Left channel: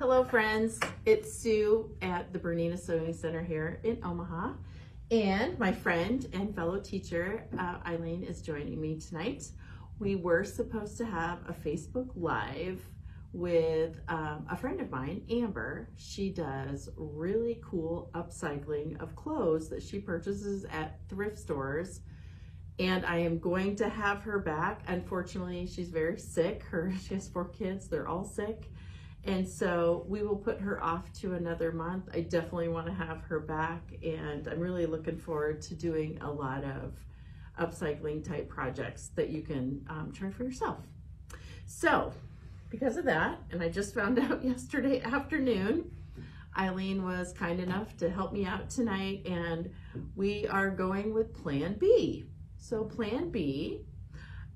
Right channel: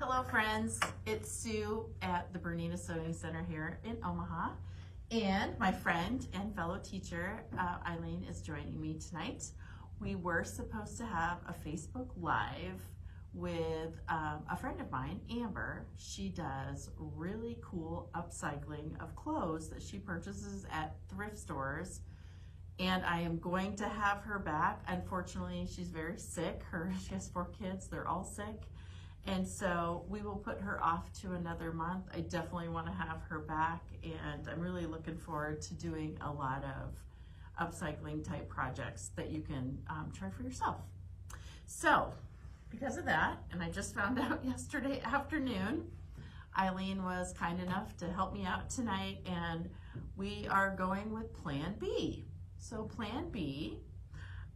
Hello friends, it's Sue at the Bernina Sewing Center here in Omaha, and my friend and fellow teacher Eileen is joining me tonight. We were supposed to have a Facebook Live with a friend of mine, Amber. She does really cool upcycling of clothes that she purchases at thrift stores, and I am going to have her back. Unfortunately, she's very sick. She has 4 kids, they're all sick. And so we will put her off to another month. I definitely want to have her back, and I'm really looking forward to doing a lot of upcycling type projects that you can try for yourself. So because of that, and I just found out yesterday afternoon, Eileen was kind enough to help me out tonight, and we are going with Plan B. So Plan B,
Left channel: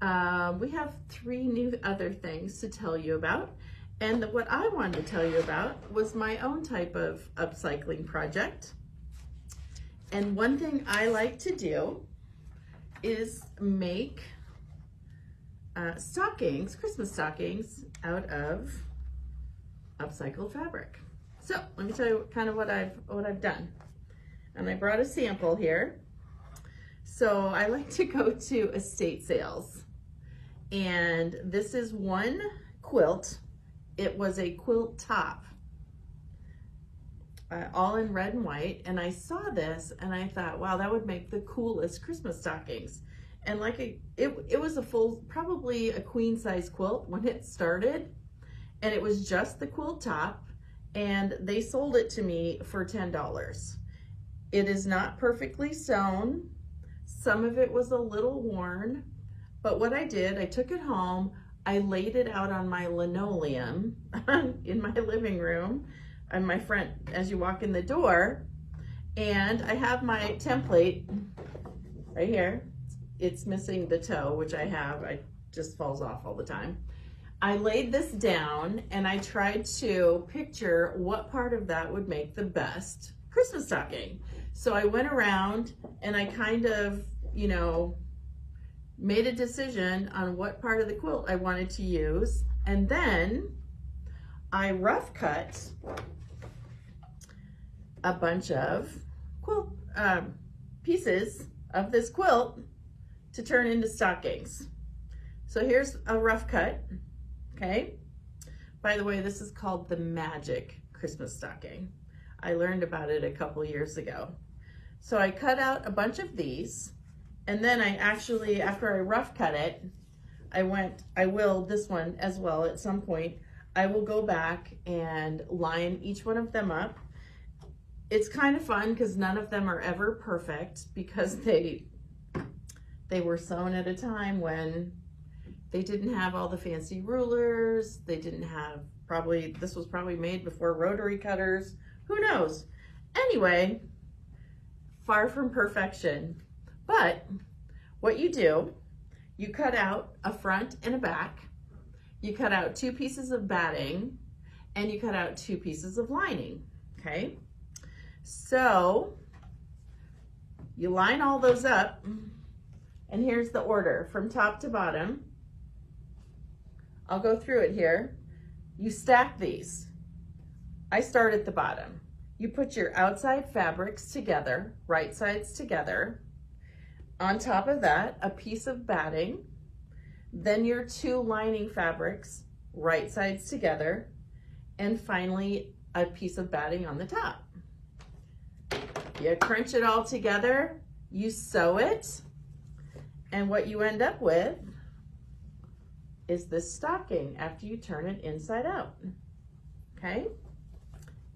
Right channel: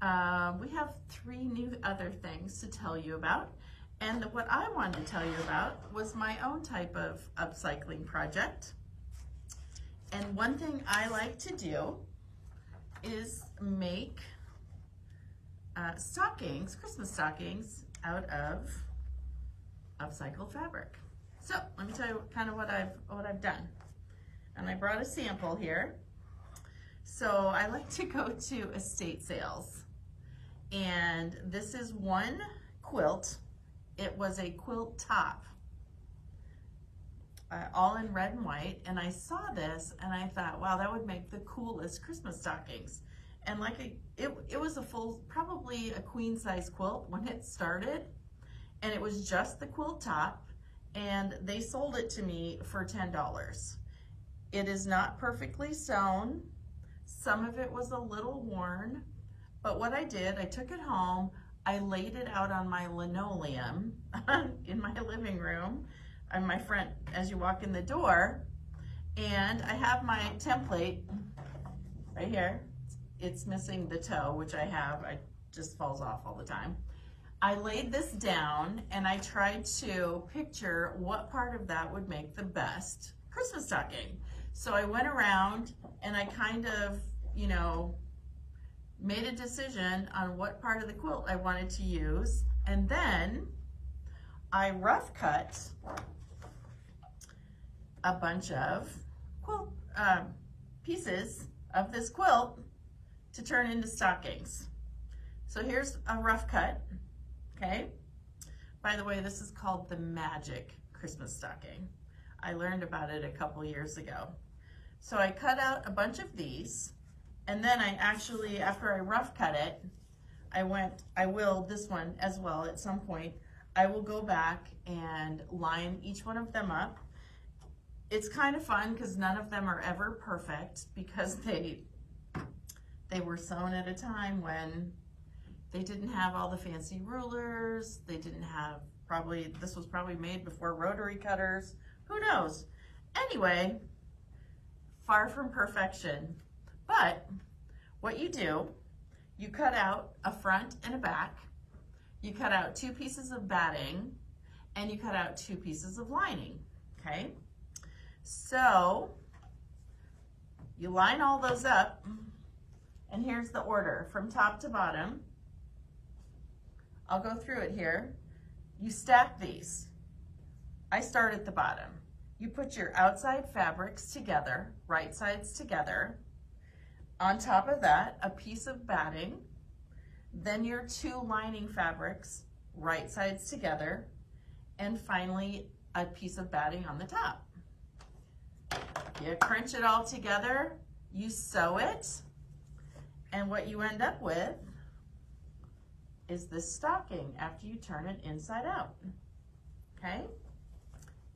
we have 3 new other things to tell you about. And what I wanted to tell you about was my own type of upcycling project. And one thing I like to do is make stockings, Christmas stockings, out of upcycled fabric. So let me tell you kind of what I've done. And I brought a sample here. So I like to go to estate sales. And this is one quilt. It was a quilt top, all in red and white, and I saw this and I thought, wow, that would make the coolest Christmas stockings. And like it was a full, probably a queen size quilt when it started, and it was just the quilt top, and they sold it to me for $10. It is not perfectly sewn. Some of it was a little worn, but what I did, I took it home, I laid it out on my linoleum in my living room on my front as you walk in the door, and I have my template right here. It's missing the toe, which I have, it just falls off all the time. I laid this down and I tried to picture what part of that would make the best Christmas stocking. So I went around and I kind of, you know, made a decision on what part of the quilt I wanted to use, and then I rough cut a bunch of quilt pieces of this quilt to turn into stockings. So here's a rough cut, okay? By the way, this is called the Magic Christmas Stocking. I learned about it a couple years ago. So I cut out a bunch of these, and then I actually, after I rough cut it, I will this one as well at some point. I will go back and line each one of them up. It's kind of fun because none of them are ever perfect, because they were sewn at a time when they didn't have all the fancy rulers. They didn't have, this was probably made before rotary cutters. Who knows? Anyway, far from perfection. But what you do, you cut out a front and a back, you cut out 2 pieces of batting, and you cut out 2 pieces of lining, okay? So you line all those up, and here's the order from top to bottom. I'll go through it here. You stack these. I start at the bottom. You put your outside fabrics together, right sides together. On top of that, a piece of batting, then your 2 lining fabrics, right sides together, and finally a piece of batting on the top. You crunch it all together, you sew it, and what you end up with is this stocking after you turn it inside out, okay?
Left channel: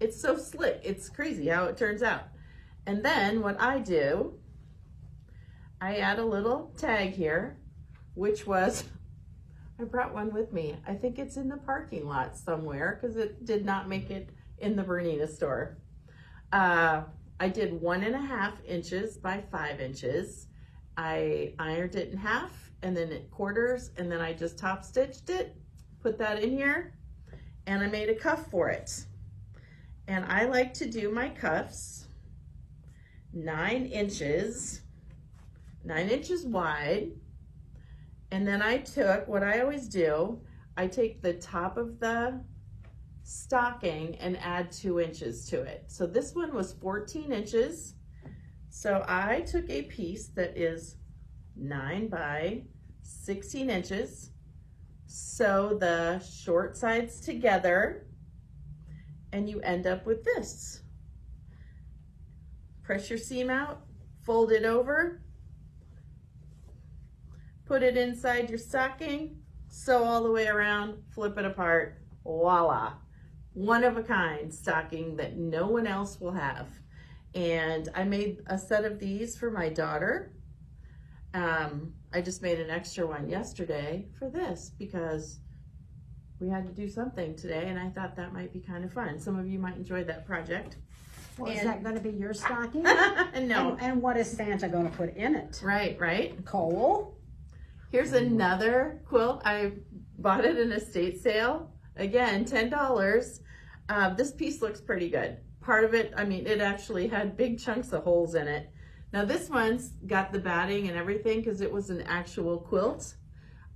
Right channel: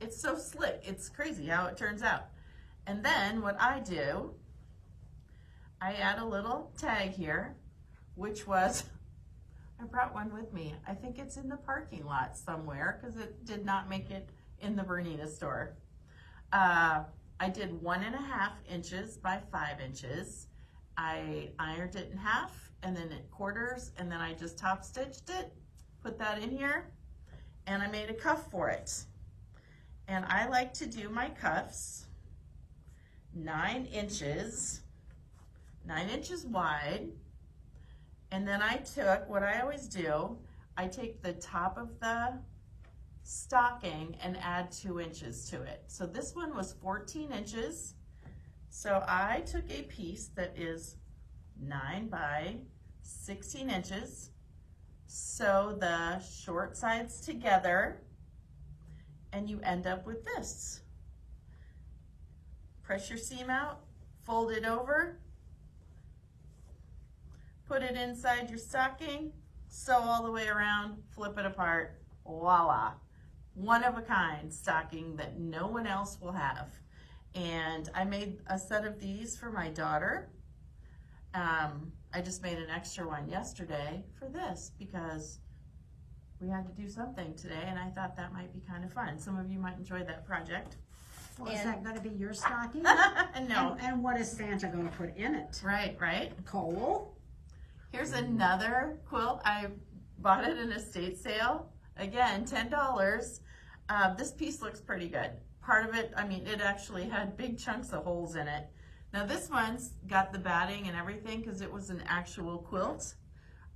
It's so slick, it's crazy how it turns out. And then what I do, I add a little tag here, which was, I brought one with me. I think it's in the parking lot somewhere because it did not make it in the Bernina store. I did 1.5 inches by 5 inches. I ironed it in half and then at quarters, and then I just top stitched it, put that in here, and I made a cuff for it. And I like to do my cuffs 9 inches wide, and then I took, what I always do, I take the top of the stocking and add 2 inches to it. So this one was 14 inches. So I took a piece that is 9 by 16 inches. Sew the short sides together and you end up with this. Press your seam out, fold it over, put it inside your stocking, sew all the way around, flip it apart, voila. One of a kind stocking that no one else will have. And I made a set of these for my daughter. I just made an extra one yesterday for this because we had to do something today and I thought that might be kind of fun. Some of you might enjoy that project. Well, is that going to be your stocking? No. And what is Santa going to put in it? Right. Coal. Here's another quilt. I bought it in a estate sale. Again, $10. This piece looks pretty good. Part of it, I mean, it actually had big chunks of holes in it. Now this one's got the batting and everything because it was an actual quilt.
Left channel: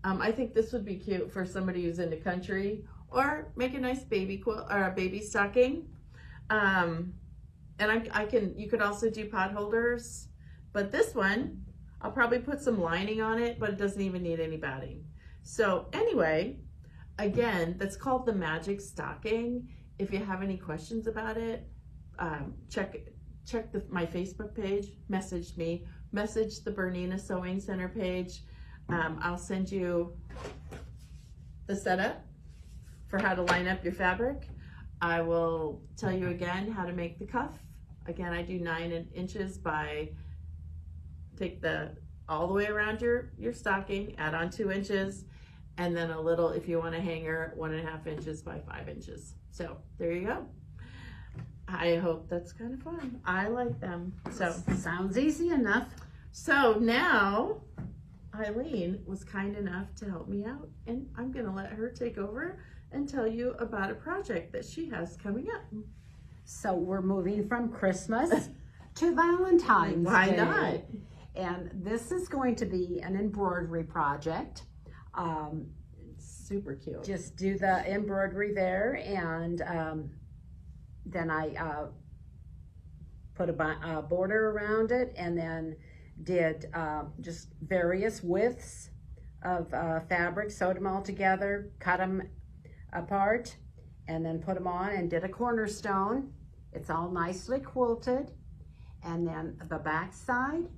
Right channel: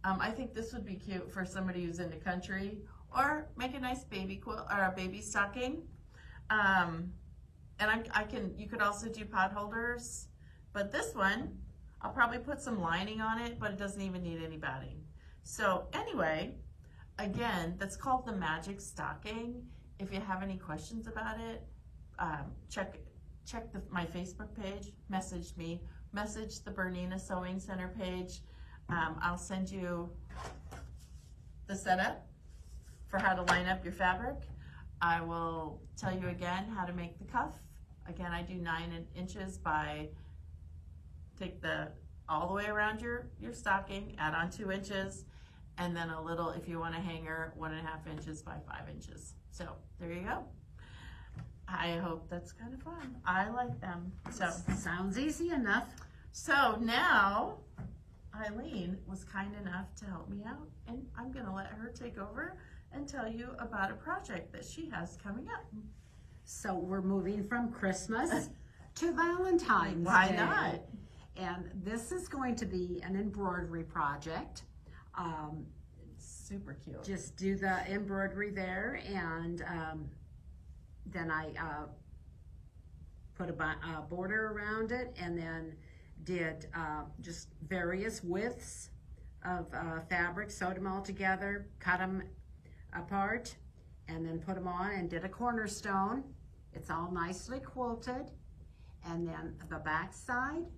I think this would be cute for somebody who's into country, or make a nice baby quilt or a baby stocking. And you could also do pot holders, but this one, I'll probably put some lining on it, but it doesn't even need any batting. So anyway, again, that's called the Magic Stocking. If you have any questions about it, check my Facebook page, message me, message the Bernina Sewing Center page. I'll send you the setup for how to line up your fabric. I will tell you again how to make the cuff. Again, I do 9 inches by, take all the way around your stocking, add on 2 inches, and then a little, if you want a hanger, 1.5 inches by 5 inches. So there you go. I hope that's kind of fun. I like them. So sounds easy enough. So now Eileen was kind enough to help me out, and I'm gonna let her take over and tell you about a project that she has coming up. So we're moving from Christmas to Valentine's Day. Why not? And this is going to be an embroidery project. Super cute. Just do the embroidery there, and then I put a border around it, and then did just various widths of fabric, sewed them all together, cut them apart, and then put them on, and did a cornerstone. It's all nicely quilted, and then the back side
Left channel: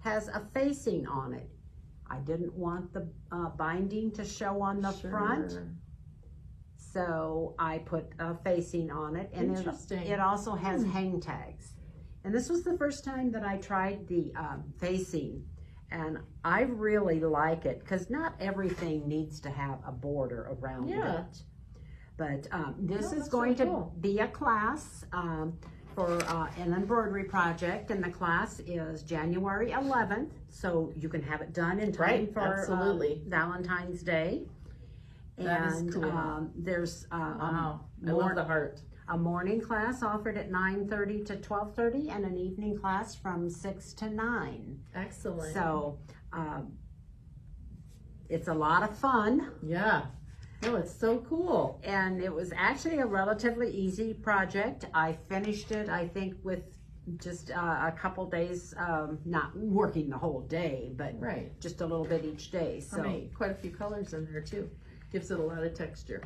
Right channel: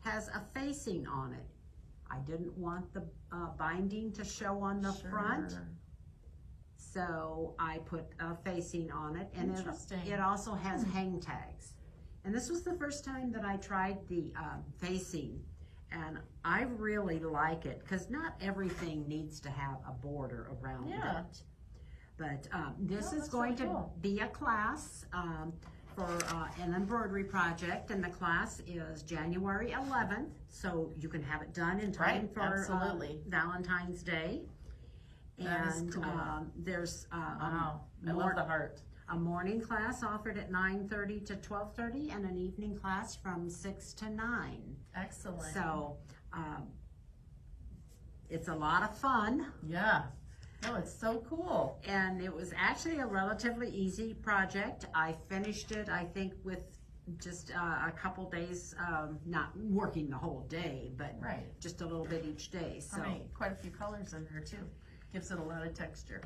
has a facing on it. I didn't want the binding to show on the front, so I put a facing on it, and it also has hang tags. And this was the first time that I tried the facing, and I really like it because not everything needs to have a border around it. But this is going to be a class for an embroidery project, and the class is January 11th, so you can have it done in time for Valentine's Day. And cool. There's wow, I love the heart. A morning class offered at 9:30 to 12:30, and an evening class from 6 to 9. Excellent. So it's a lot of fun. Yeah. Oh, it's so cool. And it was actually a relatively easy project. I finished it, I think, with just a couple days, not working the whole day, but just a little bit each day. So quite a few colors in there too. Gives it a lot of texture.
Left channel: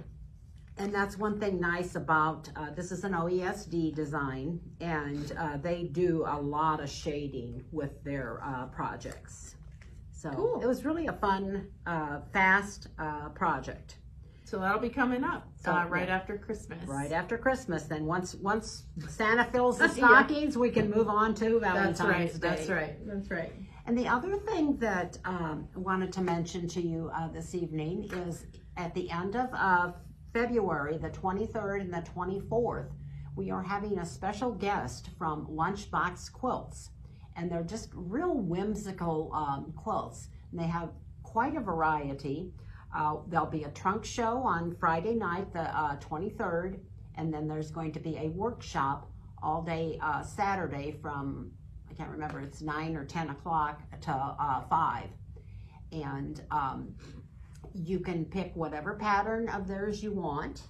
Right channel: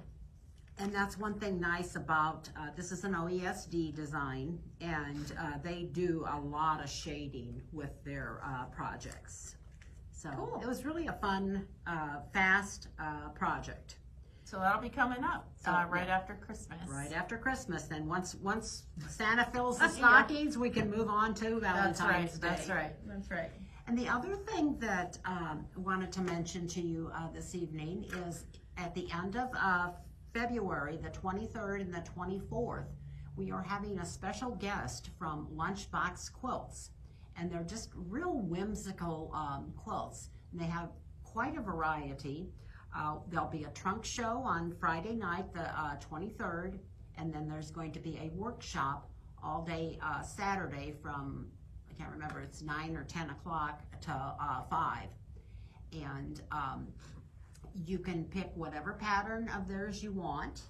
And that's one thing nice about, this is an OESD design, and they do a lot of shading with their projects. So it was really a fun, fast project. So that'll be coming up right after Christmas. Right after Christmas. Then once Santa fills the stockings, we can move on to Valentine's Day. That's right. That's right. And the other thing that I wanted to mention to you this evening is at the end of February, the 23rd and the 24th, we are having a special guest from Lunchbox Quilts. And they're just real whimsical quilts. And they have quite a variety. There'll be a trunk show on Friday night, the 23rd, and then there's going to be a workshop all day Saturday from, I can't remember, it's 9 or 10 o'clock to 5. And you can pick whatever pattern of theirs you want,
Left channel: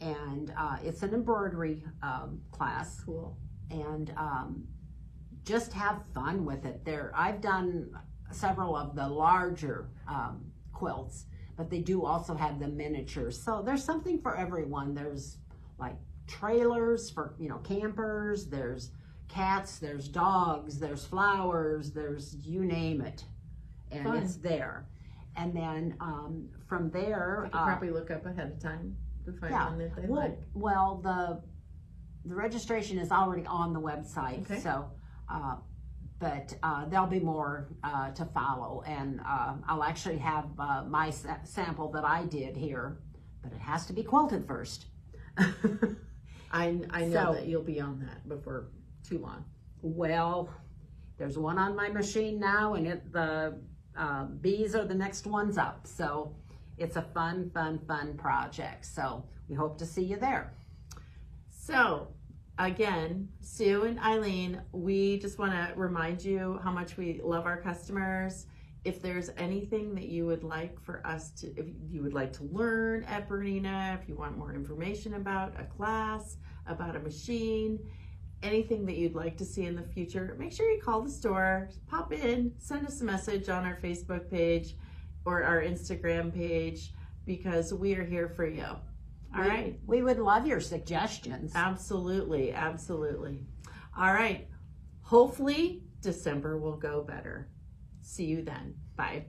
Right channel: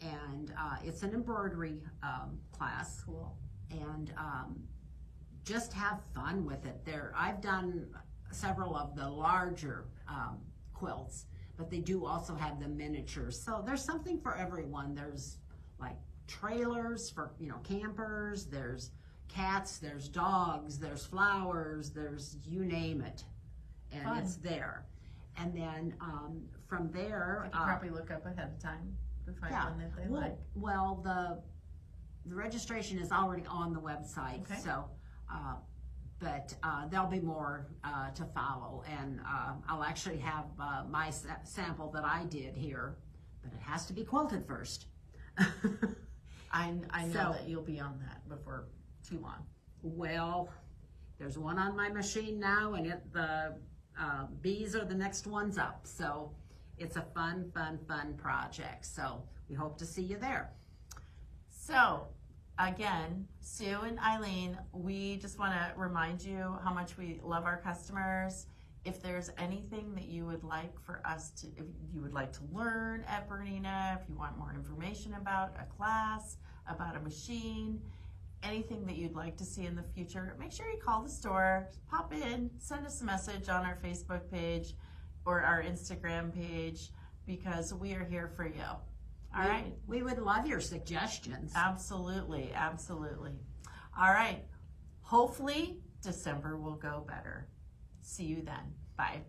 and it's an embroidery class. Cool. And just have fun with it. I've done several of the larger quilts, but they do also have the miniatures. So there's something for everyone. There's like trailers for, you know, campers, there's cats, there's dogs, there's flowers, there's you name it, and Fun. It's there. And then from there, you can probably look up ahead of time to find one that they like. Well, the registration is already on the website, okay. So but there'll be more to follow, and I'll actually have my sample that I did here, but it has to be quilted first. I know that you'll be on that before too long. Well, there's one on my machine now, and the bees are the next ones up. So it's a fun project. So we hope to see you there. So again, Sue and Eileen, we just want to remind you how much we love our customers. If there's anything that you would like for us to, if you would like to learn at Bernina, if you want more information about a class, about a machine, anything that you'd like to see in the future, make sure you call the store, pop in, send us a message on our Facebook page or our Instagram page, because we are here for you. All right. We would love your suggestions. Absolutely, absolutely. All right. Hopefully December will go better. See you then. Bye.